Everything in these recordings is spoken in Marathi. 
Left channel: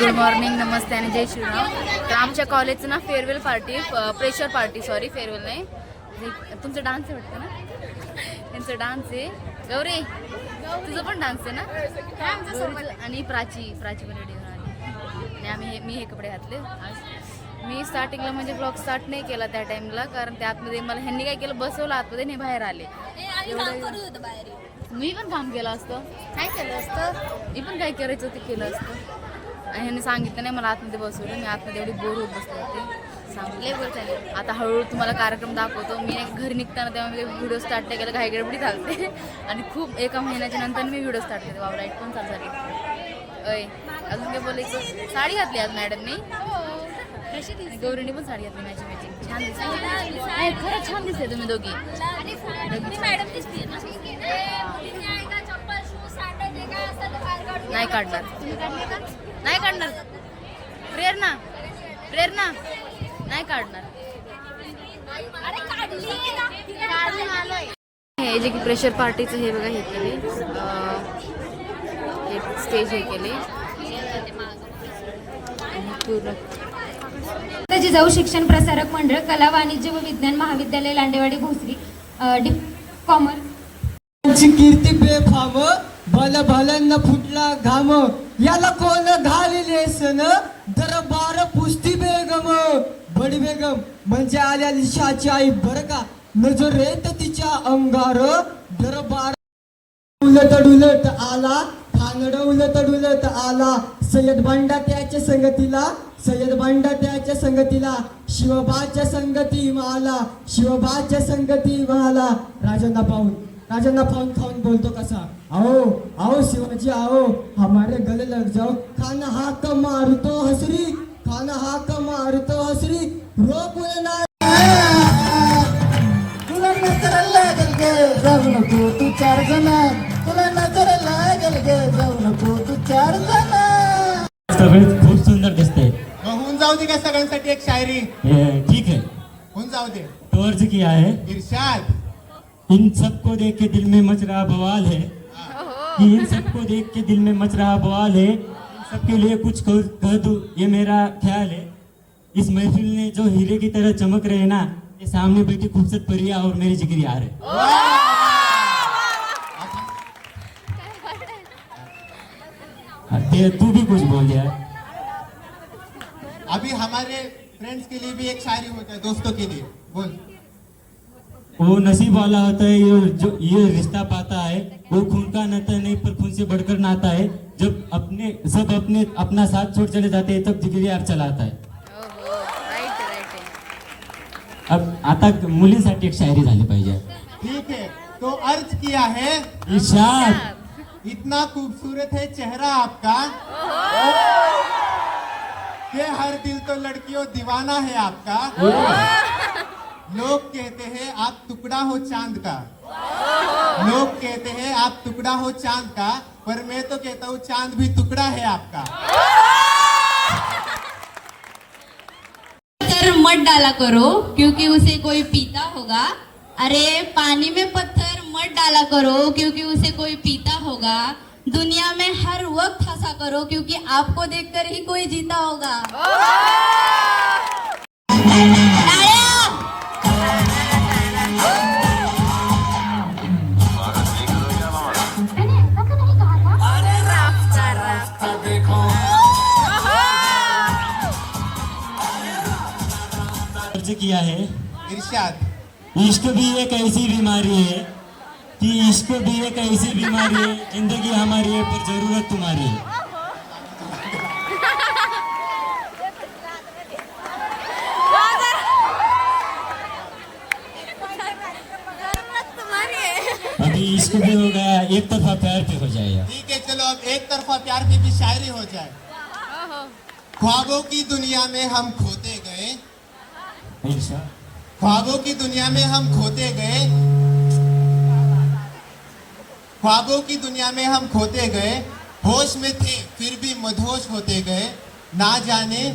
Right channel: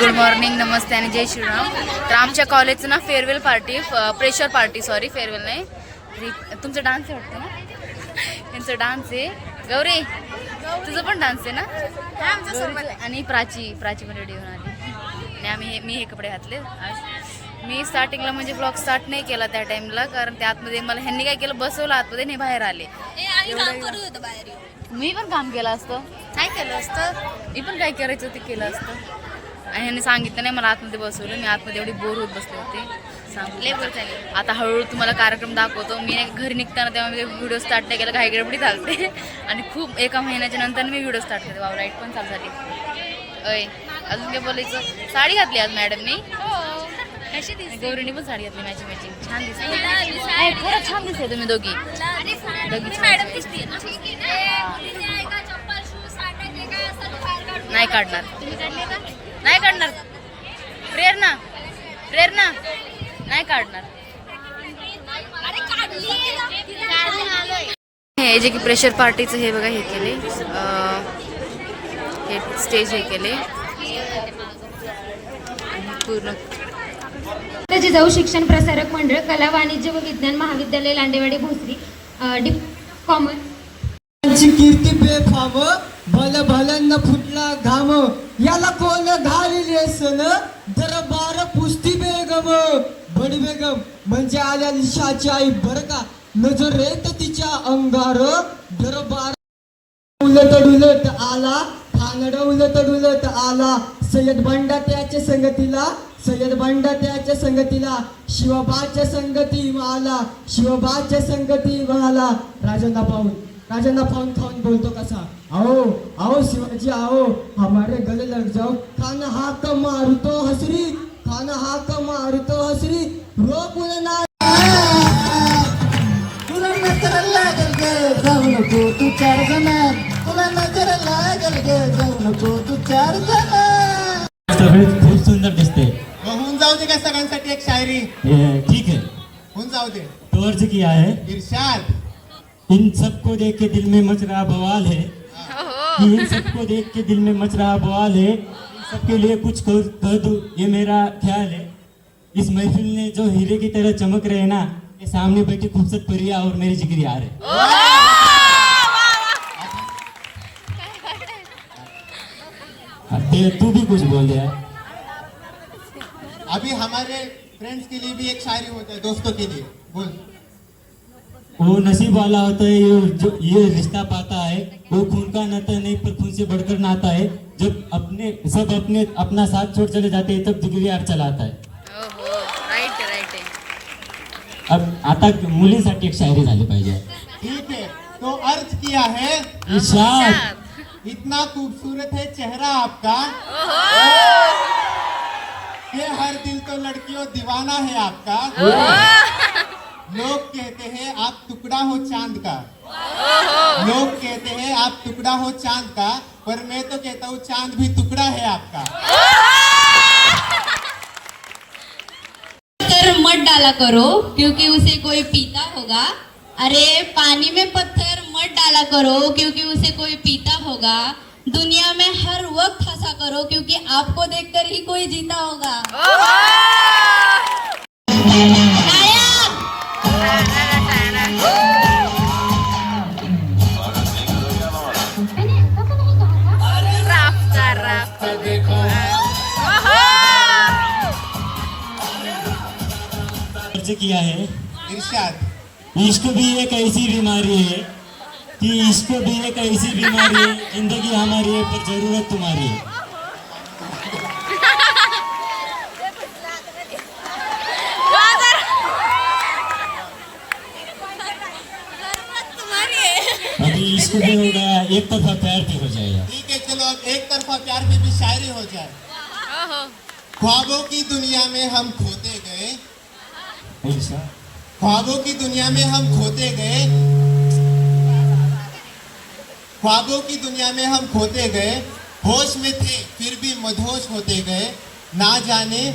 गुड मॉर्निंग, नमस्ते आणि जय श्रीराम. तर आमच्या कॉलेजचं ना farewell party, pressure party, sorry farewell नाही. तुमचं डान्स आहे वाटतं ना? यांचं डान्स आहे. गौरी तुझं पण डान्स आहे ना? आमच्यासोबत. आणि प्राची पण रेडी होऊन आली आणि मी हे कपडे घातले आज. मी स्टार्टिंगला म्हणजे ब्लॉग स्टार्ट नाही केला त्या टाइमला, कारण त्या आतमध्ये मला ह्यांनी काय केलं, बसवलं आतमध्ये नाही, बाहेर आले. मी पण काम केलं असतं. काय केलं असतं? मी पण काय करायचं ते केलं असतं. आणि ह्यांनी सांगितलं नाही, मला आतमध्ये बसवलं. मी आतमध्ये एवढी बोर होत बसले होते. सांगितलं आता हळूहळू तुम्हाला कार्यक्रम दाखवतो. मी घरी निघताना तेव्हा मी व्हिडिओ स्टार्ट नाही केला, घाई गडबडी चालते. आणि खूप एका महिन्याच्या नंतर मी व्हिडिओ स्टार्ट करते. वाव, लाईट पण चालू झाली. अय अजून काय बोलायचं? साडी घातली आज मॅडमनी. गौरीनी पण साडी घातली मॅचिंग. छान दिसते. खरंच छान दिसते तुम्ही दोघी. नाही काढणार, नाही काढणार. प्रेरणा नाही काढणार. हे जे की प्रेशर पार्टीचं हे बघा, हे केले, हे स्टेज हे केले पूर्ण. जिजाऊ शिक्षण प्रसारक मंडळ, कला वाणिज्य व विज्ञान महाविद्यालय, लांडेवाडी, भोसरी, कॉमर्स. कीर्ती बेफाम, भल भलन फुटला घाम, याला कोण घालिले सन, दरबार पुस्ती बेगम. बडी बेगम म्हणजे आल्या निशाची आई बर का. नजरेत तिच्या अंगार दरबार उलट डुलट आला, ठाणड उलट डुलट आला. सय्यद बंडा त्याच्या संगतीला, शिवबाच्या संगती माला, राजांना पाहून खाऊन बोलतो कसा. आओ शिवाजी आओ, हमारे गले लग जाओ. खाना हाक मारतो हसरी, रोक ना. तुला नजर लागल गे जाऊ नको तू 4 जणात, तुला नजर लागल गे जाऊ नको तू 4 जणात. सगळे खूप सुंदर दिसते. होऊन जाऊ दे का सगळ्यांसाठी एक शायरी? ठीक है, होऊन जाऊ दे. तो अर्ज किया है. इरशाद. इन सबको देख के दिल में मच रहा बवाल है. इन सबको देख के दिल में मच रहा बवाल है. सबके लिए कुछ कह दूं ये मेरा ख्याल है. इस महफिल ने जो हीरे की तरह चमक रहे ना, ये सामने बैठी खूबसूरत परिया और मेरे जिगरी यार है. तू भी कुछ बोल यार. अभी हमारे फ्रेंड्स के लिए भी एक शायरी हो जाए, दोस्तों के लिए बोल. वो नसीब वाला होता है ये रिश्ता पाता है. वो खून का नाता नहीं पर खून से बढ़कर नाता है. जब अपना साथ छोड़ चले जाते हैं तब जिगरी यार चलाता है. राईट. अब आता मुलीसाठी एक शायरी झाली पाहिजे. ठीक है, तो अर्ज किया है. इरशाद. इतना खूबसूरत है चेहरा आपका कि हर दिल तो लड़कियों दीवाना है आपका. लोग कहते हैं आप टुकड़ा हो चांद का. लोग कहते हैं आप टुकड़ा हो चांद का, पर मैं तो कहता हूँ चांद भी टुकड़ा है आपका. मत डाला करो क्योंकि उसे कोई पीता होगा. अरे पानी में पत्थर मत डाला करो क्योंकि उसे कोई पीता होगा. दुनिया में हर वक्त हंसा करो क्योंकि आपको देखकर ही कोई जीता होगा. किया है. इरशाद. इश्क भी एक ऐसी बीमारी है कि इश्क भी एक ऐसी बीमारी है. जिंदगी हमारी है पर जरूरत तुम्हारी है. अभी इश्क भी हो गया, एक तरफा प्यार भी हो जाएगा. ठीक है, चलो अब एक तरफा प्यार में भी शायरी हो जाए. ख्वाबों की दुनिया में हम खोते गए. ख्वाबों की दुनिया में हम खोते गए. ख्वाबों की दुनिया में हम खोते गए. होश में थे फिर भी मदहोश होते गए. ना जाने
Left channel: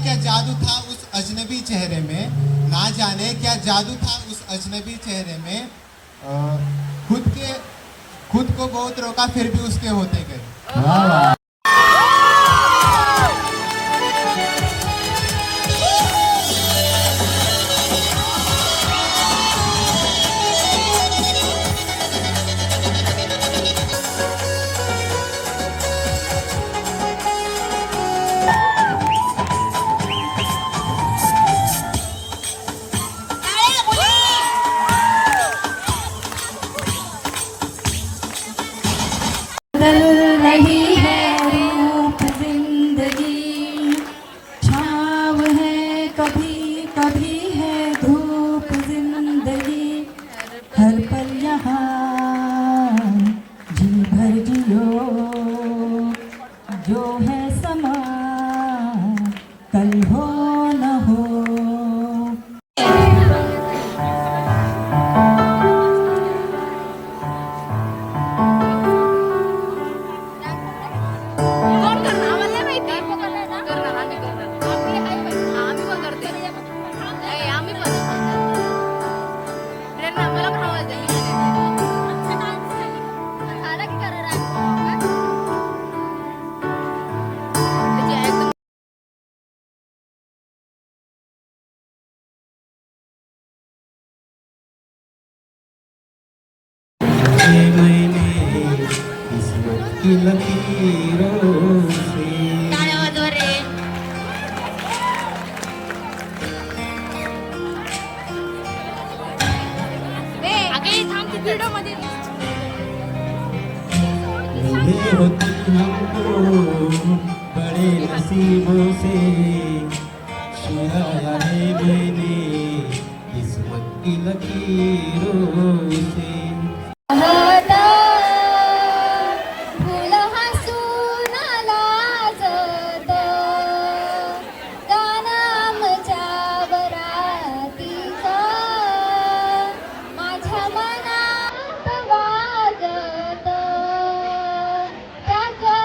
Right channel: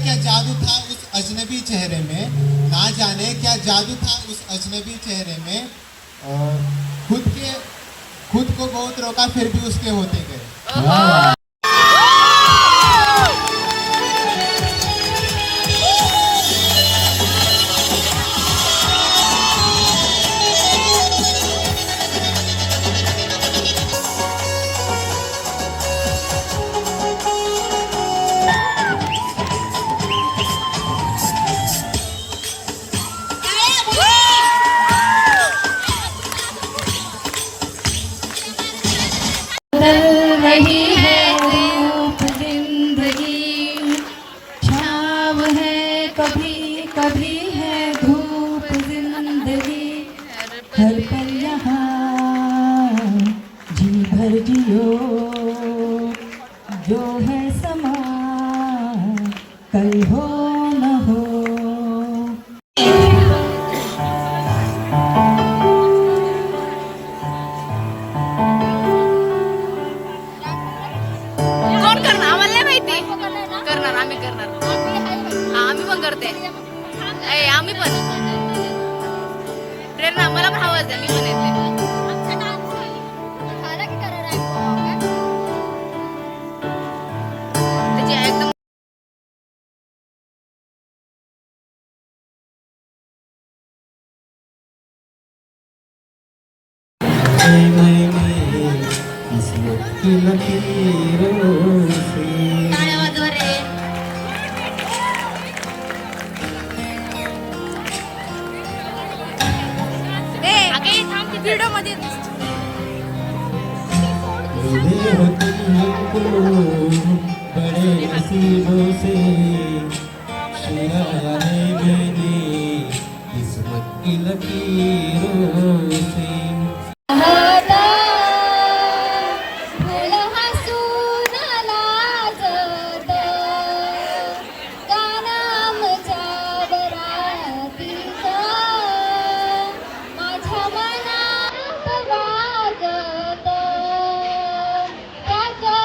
क्या जादू था उस अजनबी चेहरे में. ना जाने क्या जादू था उस अजनबी चेहरे में. खुद को बहुत रोका फिर भी उसके होते गए. कल हो न हो। कोण करणार आम्हाला नाही माहिती. करणार आम्ही करणार. हा आम्ही पण करते. आम्ही पण प्रेरणा मला पण आवाज द्या. मी पण येते. त्याची एकदम किस्मत की लकीरों से। व्हिडिओ मध्ये मिले हो तुम हमको बड़े नसीबों से, चुराया है मैंने किस्मत की लकीरों से। फुल हसून लाजत गानामच्या बरातीत माझ्या मनात वाजत त्याच्या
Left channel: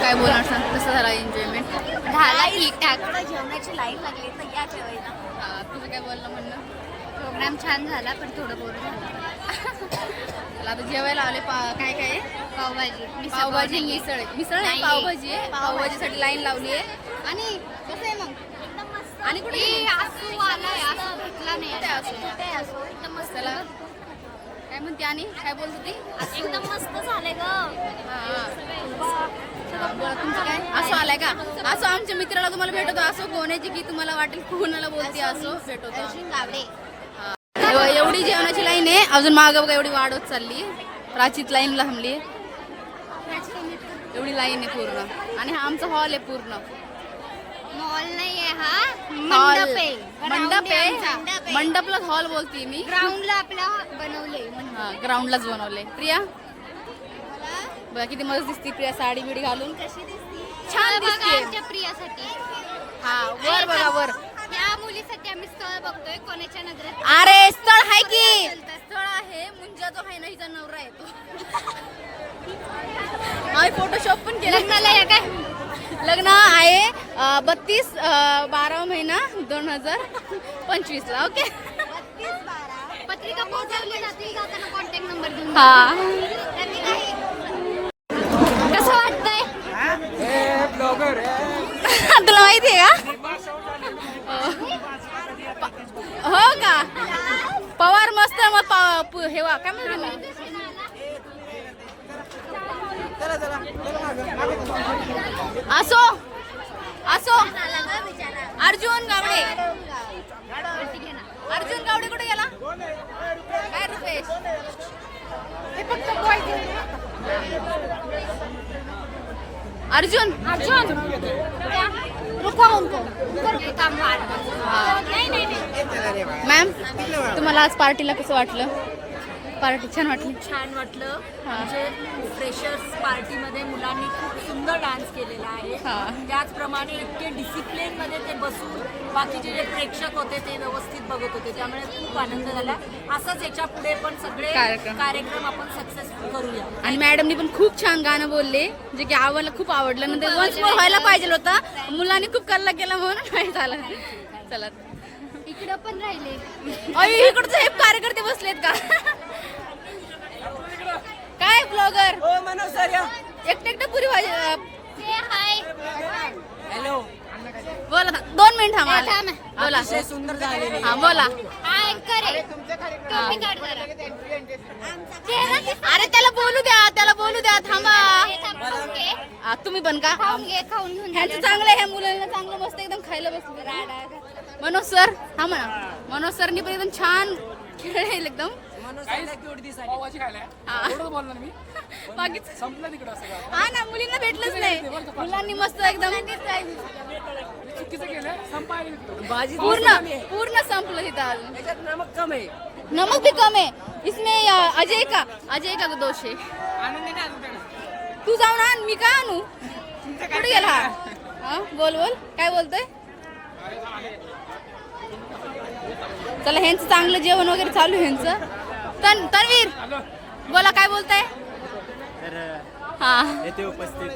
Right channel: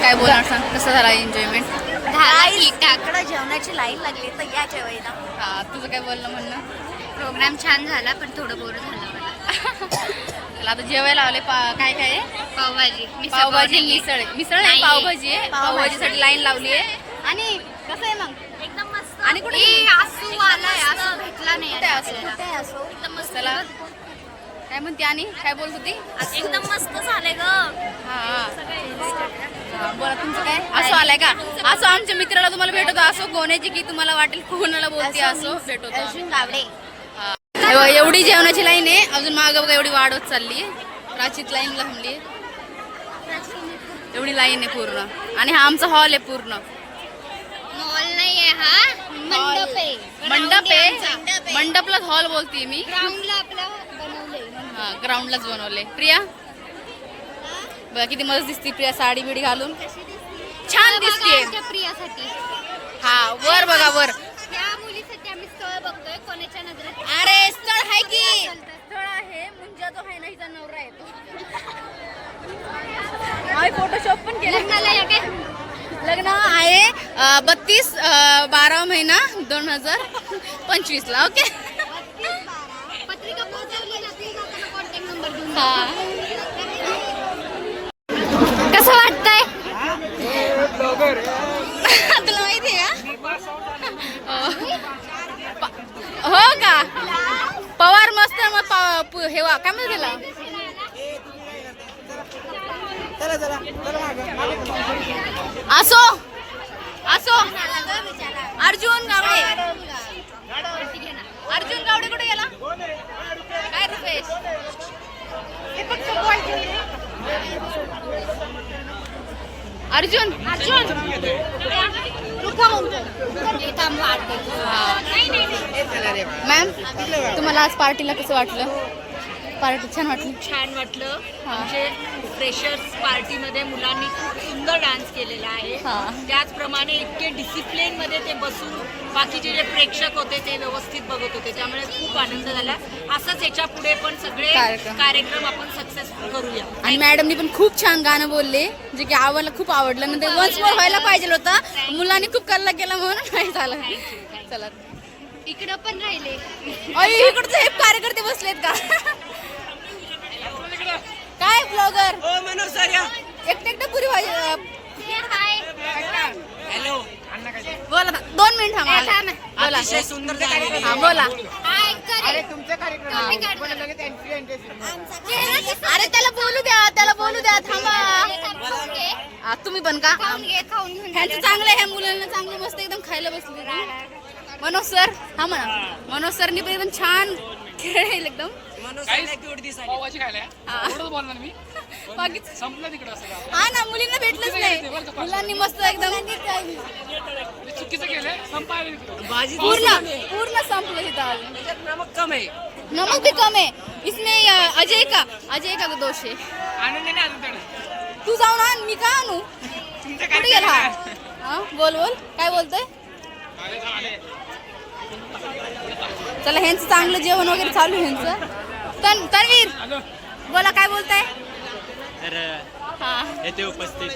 काय बोलणार सांग. कसं झाला एन्जॉयमेंट. इकडे जेवणाची लाईन लागली तर या जेवायला. हा तुझं काय बोलणं म्हणणं. प्रोग्राम छान झाला पण थोडं बोर झालं. चला आता जेवायला आले. काय काय आहे. पावभाजी पावभाजी मिसळ. मिसळ नाही नाही. पावभाजी आहे. पावभाजीसाठी लाईन लावली आहे. आणि कसं आहे मग एकदम मस्त. आणि कुठे आसू आलाय. आसू भेटला नाही कुठे आता असू? आपल्याला. कुठे असू? एकदम मस्त. चला काय म्हणते आणि काय बोलत होती. एकदम मस्त झाले ग. हा बोला तुमचं काय. असो आलाय का. असो आमच्या मित्राला तुम्हाला भेटवतो. असो कोणाची की तुम्हाला वाटेल कोणाला बोलते असो भेटवतो आम्ही. एवढी जेवणाची लाईन आहे. अजून मागं बघा एवढी वाढवत चालली आहे. प्राचीत लाईन थांबली. एवढी लाईन आहे पूर्ण. आणि हा आमचा हॉल आहे पूर्ण. मॉल नाहीये हा. मंडप आहे. मंडप आहे. मंडपलाच हॉल बोलते मी. ग्राउंडला आपल्या बनवले. हा ग्राउंडलाच बनवले. प्रिया बघा किती मस्त दिसते प्रिया साडी बिडी घालून. छान दिसते. प्रियासाठी. हा वर बघा वर. या मुलीसाठी आम्ही स्थळ बघतोय. कोणाच्या नजरेत. अरे स्थळ आहे की. स्थळ आहे. मुंजा जो आहे ना हिचा नवरा आहे तो. आम्ही फोटोशॉप पण केलं. लग्न आहे 32/12 महिना 2025 ला. ओके पत्रिका पोहोचवली जातील जाताना कॉन्टॅक्ट नंबर देऊन. हा कसं वाटतंय. तुला माहिती आहे का. हो का पवार मस्त. मग हे वा काय म्हणते त्याला. असो असो. अर्जुन गावडे. अर्जुन गावडे कुठे गेला. काय रुपेश. अर्जुन मॅम तुम्हाला आज पार्टीला कसं वाटलं? पार्टी छान वाटली? छान वाटलं. हा. म्हणजे फ्रेशर्स पार्टीमध्ये मुलांनी खूप सुंदर डान्स केलेला आहे. हा. त्याचप्रमाणे इतके डिसिप्लिन मध्ये ते बसून बाकीचे जे प्रेक्षक होते ते व्यवस्थित बघत होते, त्यामुळे खूप आनंद झाला. असंच याच्या पुढे पण सगळे कार्यक्रम आपण सक्सेसफुल करूया. आणि मॅडमनी पण खूप छान गाणं बोलले, जे की आम्हाला खूप आवडलं. नंतर वन्स मोर व्हायला पाहिजे होता, मुलांनी खूप कल्ला केला म्हणून नाही झालं. चला इकडं पण राहिले. इकडचे हे कार्यकर्ते बसलेत का? काय ब्लॉगर एकटे पुरी भाजी बोला ना. 2 मिनिट थांबा. बोला हा बोला. अरे त्याला बोलू द्या थांबा. तुम्ही पण का? ह्यांचं चांगलं आहे, ह्या मुलांना चांगलं मस्त एकदम खायला बसले. मनोज सर हा म्हणा. मनोज सरनी पण एकदम छान खेळेल एकदम. हा ना, मुलींना भेटलंच नाही. मुलांनी मस्त एकदम पूर्ण संपलं तिथं. नमक भी कम है इसमें. अजय का दोष है. तू जाऊन आण, मी का आणू? कुठे गेला हा? बोल काय बोलतोय? चला ह्यांचं चांगलं जेवण वगैरे चालू आहे ह्यांचं. तन्वीर बोला काय बोलताय? तर हा येथे उपस्थित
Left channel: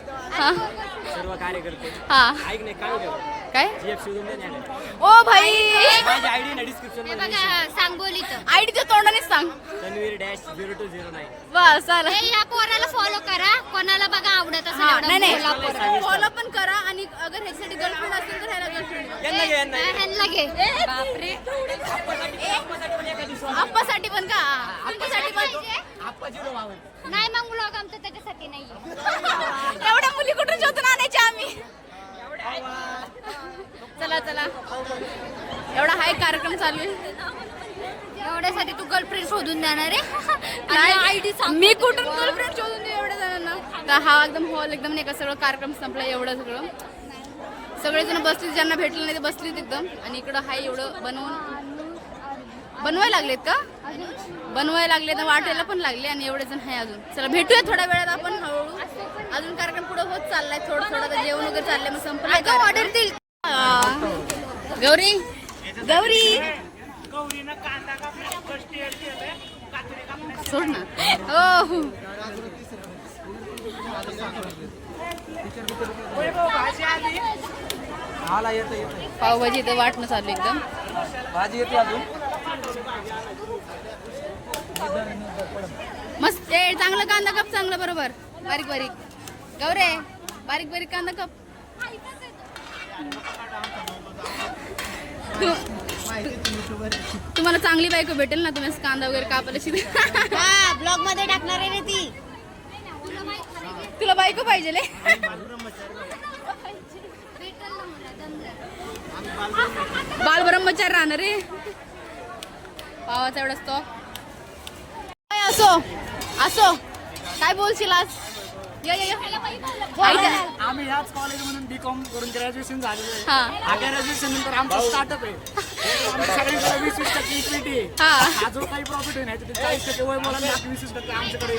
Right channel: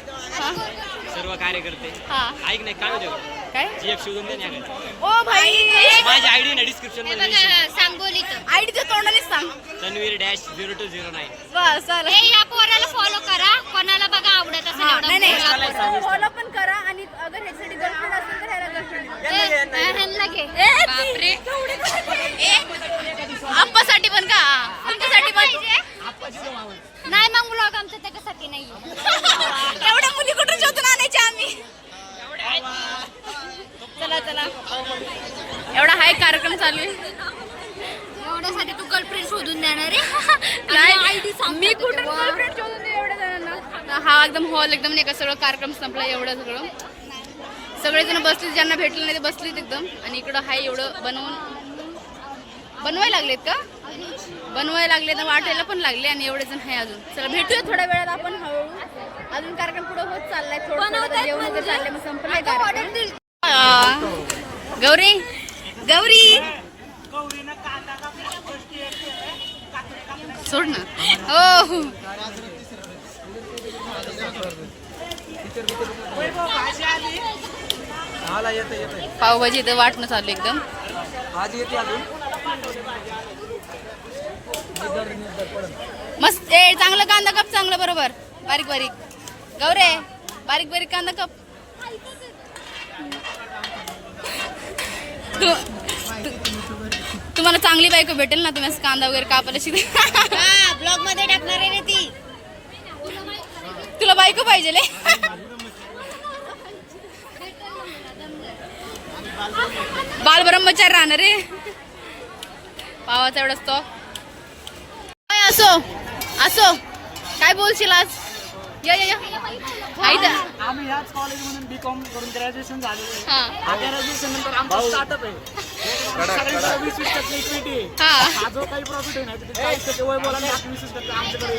सर्व कार्यकर्ते ऐक नाही काय होते काय जीएफ शोधून द्या नाही. ओ भाई माझी आयडी ना डिस्क्रिप्शन मध्ये सांगोलीचं आयडीच्या तोंडानेच सांग. तन्वीर-0209. बस चालेल. या पोराला फॉलो करा, कोणाला बघा आवडत असेल नाही फॉलो पण करा. आणि अगर ह्याच्यासाठी गर्लफ्रेंड असेल तर ह्याला गर्लफ्रेंड ह्यांना घे. आप्पासाठी पण का? तुमच्यासाठी पण नाही मग मुलं आमचं त्याच्यासाठी नाही. एवढ्या मुली कुठून शोधून आणायच्या आम्ही? चला एवढा हाय कार्यक्रम चालू आहे. एवढ्यासाठी तू गर्लफ्रेंड शोधून देणार नाही मी कुठून गर्लफ्रेंड शोधून देऊ एवढ्या जणांना? तर हा एकदम हॉल एकदम नाही का सगळं कार्यक्रम संपला. एवढं सगळं सगळेजण बसले, ज्यांना भेटलं नाही ते बसलेत एकदम. आणि इकडं हाय एवढं बनवायला लागलेत का? बनवायला लागले तर वाटायला पण लागले. आणि एवढे जण आहे अजून. चला भेटूया थोड्या वेळात आपण हळूहळू. अजून कार्यक्रम पुढे होत चाललाय. थोडं तर जेवण वगैरे चाललंय, मग संपलंय कार्यक्रम. गौरी सोड ना. हो पावभाजी इथं वाटणं चालू एकदम. मस्त चांगलं कांदा काप, चांगलं बरोबर बारीक गौरे बारीक कांदा काप. तुम्हाला चांगली बायको भेटेल ना, तुम्ही असं कांदा वगैरे कापायला शिकता. ब्लॉग मध्ये टाकणार आहे रे ती. तुला बायको पाहिजे बाल ब्रह्मचारी राहणार रे. पावाचा एवढाच तो. असो काय बोलशील आज? या आम्ही याच कॉलेजमधून बीकॉम करून ग्रॅज्युएशन झालेलो आहे. ग्रॅज्युएशन नंतर आमचा स्टार्टअप आहे. सगळीकडे 20% इक्विटी आहे. हा जो काही प्रॉफिट आहे ना ते 40% वय बोला 20% आमच्याकडे.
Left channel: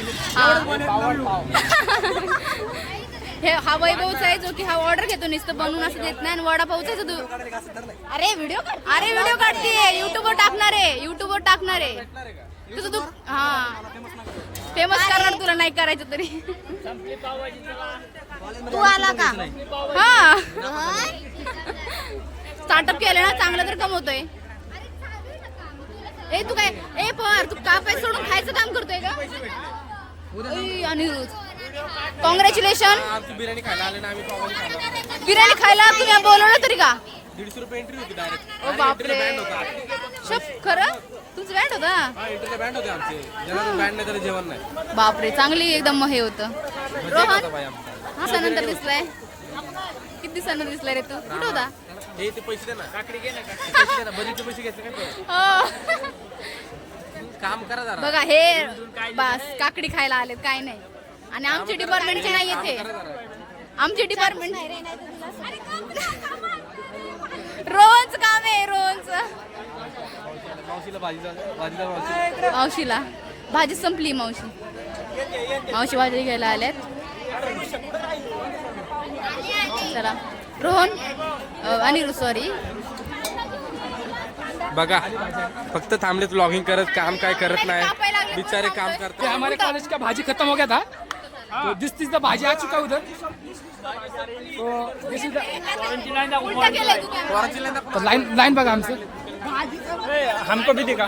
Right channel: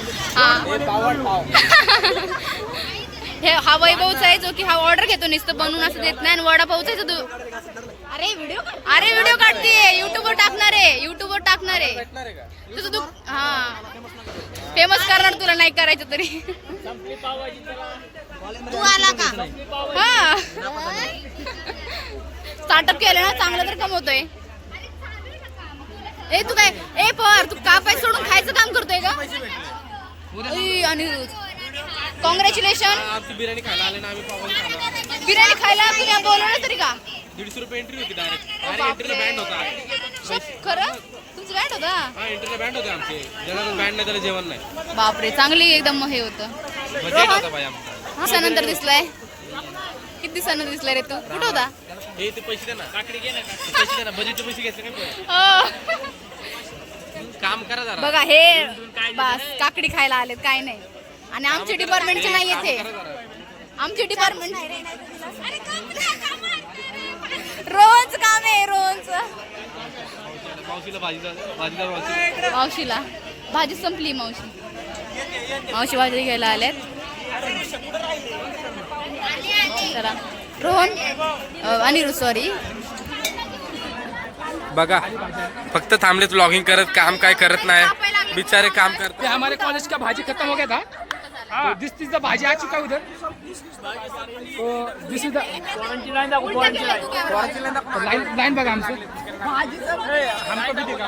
हा वैभवचा आहे जो की हा ऑर्डर घेतो, नुसतं बनवून असं देत नाही. आणि वडापावचा आहे तू. अरे व्हिडिओ काढते, युट्यूबवर टाकणार आहे. तुझं तू हा फेमस करणार, तुला नाही करायचं तरी. तू आला का? हा स्टार्टअप केलं ना चांगलं तर कमवतोय. तू काय तू कापाय सोडून खायचं काम करतोय का? अनिरुद्ध कॉंग्रॅच्युलेशन. आमची बिर्याणी खायला आले ना, आम्ही पावभाजी खाला. बिर्याणी खायला तुम्ही बोलवलं तरी का? 150 रुपये एंट्री होती डायरेक्ट. आणि एंट्रीला बँड होता. खरं तुमचं बँड होता? हा एंट्रीला बँड होते आमचे. ज्याला बँड नाही त्याला जेवण नाही. बापरे चांगली एकदम हे होतं. बजेट होता बाई आमचा. दिवसानंतर दिसलाय. किती दिवसानंतर दिसलाय रे तू? कुठं होता? हे ते पैसे दे ना. काकडी घे ना. पैसे दे ना. बजेटचे पैसे घेतले काय? काम करा जरा. बघा हे बस काकडी खायला आलेत, काय नाही. आणि आमच्या डिपार्टमेंटचे नाही येते. आमचे डिपार्टमेंट रोहनचं काम आहे. रोहनचं मावशीला भाजी संपली. मावशी भाजी घ्यायला आल्यात. चला रोहन आणि सॉरी बघा फक्त थांबलेत व्लॉगिंग करत, काम काय करत नाही बिचारे काम करते. हमारे कॉलेज का भाजी खत्म हो गया था, तो दिस इज द भाजी आ चुका उधर, तो दिस इज द लाइन बघा आमचं, हमको भी दिखा.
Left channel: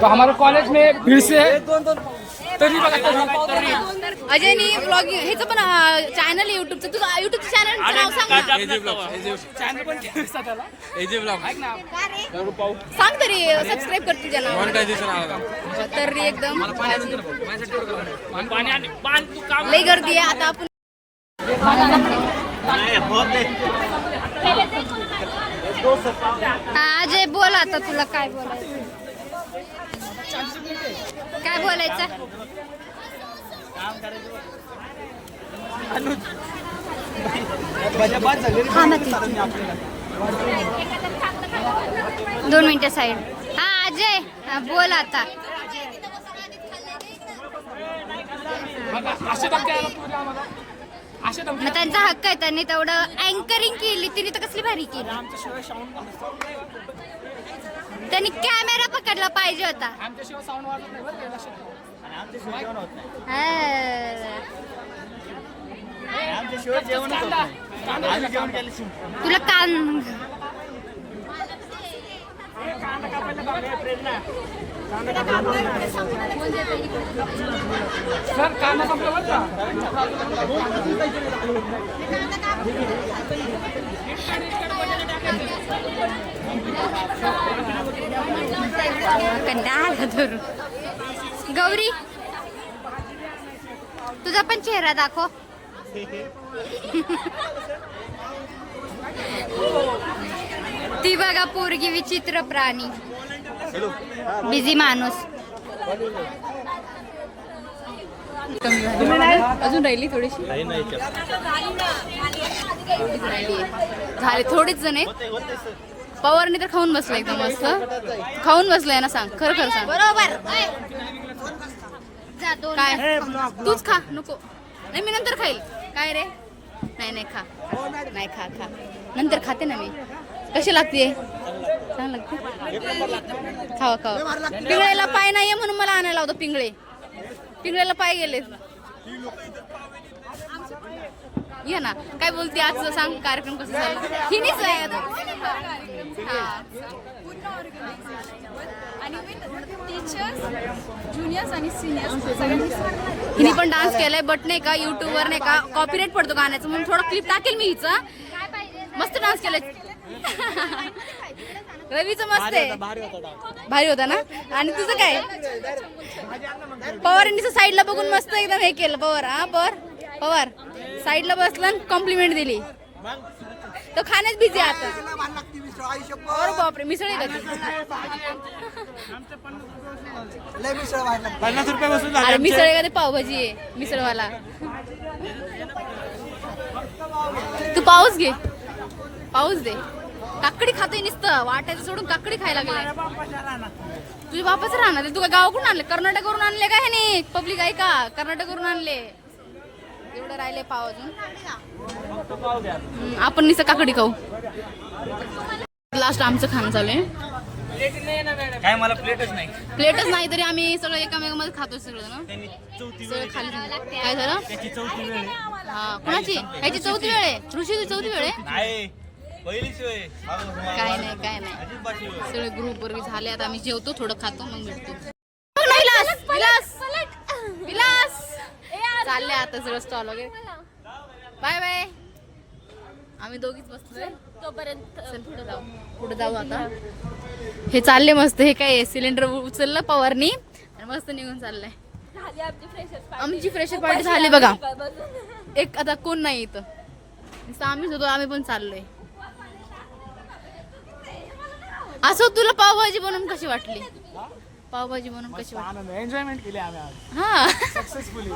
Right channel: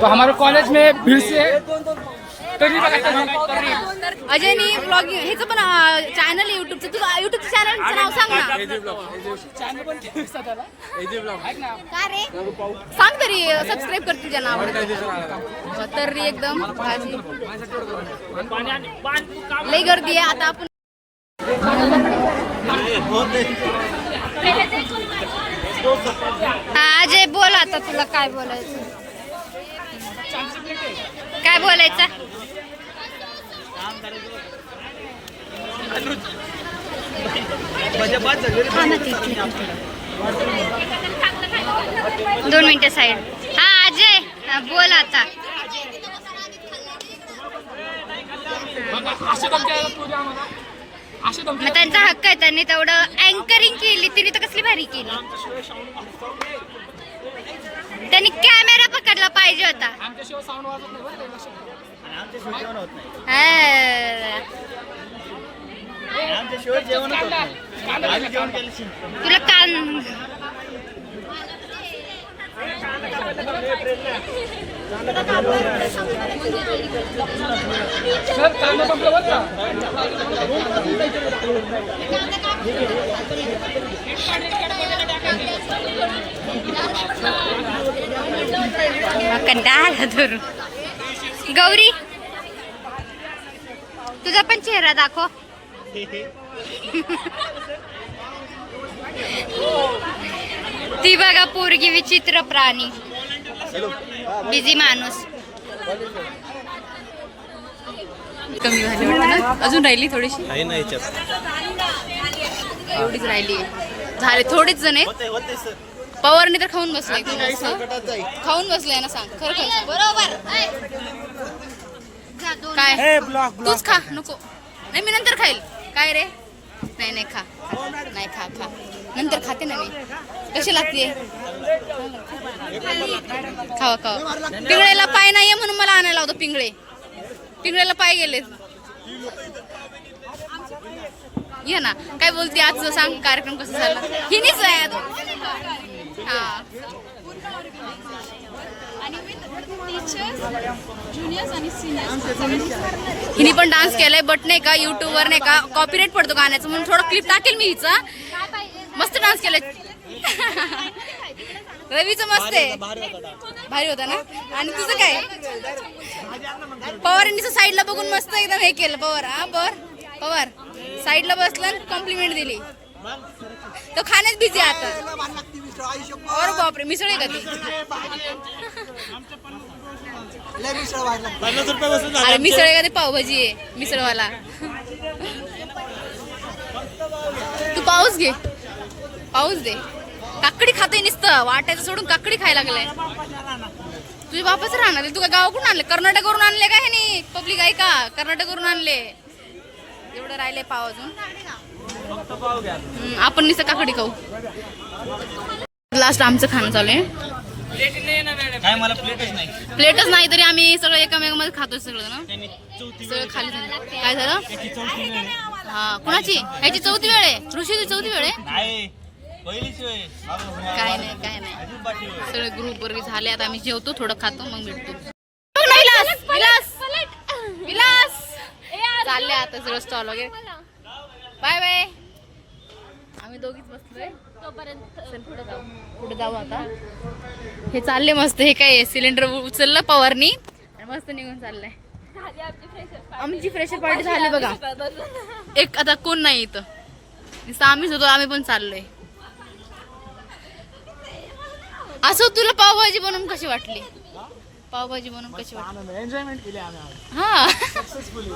तो हमारे कॉलेज में भीड़ से तरी अजयनी ब्लॉगिंग ह्याचं पण चॅनल आहे युट्यूबचं. तुझं युट्यूबचं चॅनलचं नाव सांग ना. चॅनल पण केलं त्याला. सांग तरी सबस्क्राईब कर तुझ्या नावावर. तर्री एकदम भाजी लई गर्दी आहे. आता आपण अजय बोल आता, तुला काय बोलायचं? काय बोलायचं? दोन मिनिटं साईड. हा अजय बोल आता. मग त्यांचा हक्क आहे, त्यांनी तेवढं अँकरिंग केली, तिने तर कसली भारी केली. त्यांनी कॅमेरा पकडला पाहिजे होता. तुला कान कंटाळा धरू. गौरी तुझा पण चेहरा दाखव. ती बघा पोरगी विचित्र प्राणी, बिझी माणूस. कमी झाली वाटतं, अजून राहिली थोडीशी. एवढीच राहिली आहे. झाले थोडेच जण आहेत. पवारने तर खाऊन बसलाय. खाऊन बसलाय ना. सांग खरं खरं सांग. बरोबर काय तूच खा. नको नाही मी नंतर खाईल. काय रे? नाही खा. नाही खा नंतर खाते ना मी. कशी लागते? खावा. पिंगळेला पाय नाहीये म्हणून मला आणायला होतं. पिंगळेला पाय गेले. ये ना. काय बोलते आजचं सांग. कार्यक्रम कसा झाला? हिनीच आहे. हा हिनी पण डान्स केलाय. बट नाही का युट्यूबवर नाही का कॉपीराइट पडतो गाण्याचं, म्हणून थोडं क्लिप टाकेल मी हिचा. मस्त डान्स केलाय. रवीचं मस्त आहे. भारी होता ना. आणि तुझं काय? पवारांनीच साईडला बघून मस्त एकदम हे केलं. पवार साईडला बसलं, कॉम्प्लिमेंट दिली. तो खाण्यात बिझी आता. अरे बापरे, मिसळ आहे का ती? अरे मिसळ आहे का ते? पावभाजी आहे मिसळवाला. तू पाऊस घे. पाऊस दे. काकडी खातोय नुसतं. वाटायचं सोडून काकडी खायला लागलाय. तुझे बापाच राहणार आहे. तू काय गावाकडून आणले? कर्नाटकवरून आणले का? हे नाही पब्लिक आहे का? कर्नाटकवरून आणले. एवढं राहिले पाव अजून. आपण नुसतं काकडी खाऊ. लास्ट आमचं खाणं चालू आहे. काय मला प्लेटच नाही तरी आम्ही सगळं एकामेकामध्ये खातोय सगळं ना. सगळं खाली झालं. काय झालं? हा कुणाची? ह्याची 4थी वेळ आहे. ऋषीची 4थी वेळ आहे. काय नाही सगळे ग्रुप वर झाले. आता आम्ही जेवतो, थोडं खातो, मग भेटतो. विलास चालले आता सगळं स्टॉल वगैरे. बाय. आम्ही दोघीच बसलोय. चल पुढे जाऊ आता. हे चालले मस्त. हे काय सिलेंडर उचललं पवारनी, मस्त निघून चाललंय. आमची फ्रेशर पार्टी झाली बघा. एक आता कोण नाही इथं, आम्हीच होतो. आम्ही पण चाललोय. असं तुला पावभाजी बनवून कशी वाटली? पावभाजी बनवून कशी वाटली? एन्जॉयमेंट केली आम्ही. हा सक्सेसफुली.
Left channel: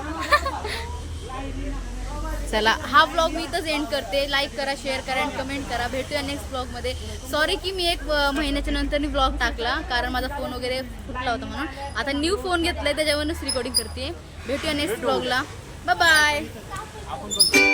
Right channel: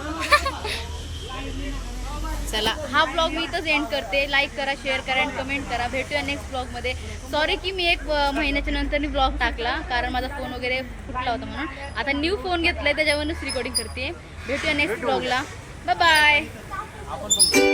चला हा ब्लॉग मी इथंच एंड करते. लाईक करा, शेअर करा आणि कमेंट करा. भेटूया नेक्स्ट ब्लॉगमध्ये. सॉरी की मी 1 महिन्याच्या नंतर ब्लॉग टाकला, कारण माझा फोन वगैरे फुटला होता म्हणून. आता न्यू फोन घेतलाय त्याच्यावरूनच रेकॉर्डिंग करते. भेटूया नेक्स्ट ब्लॉगला. Bye bye.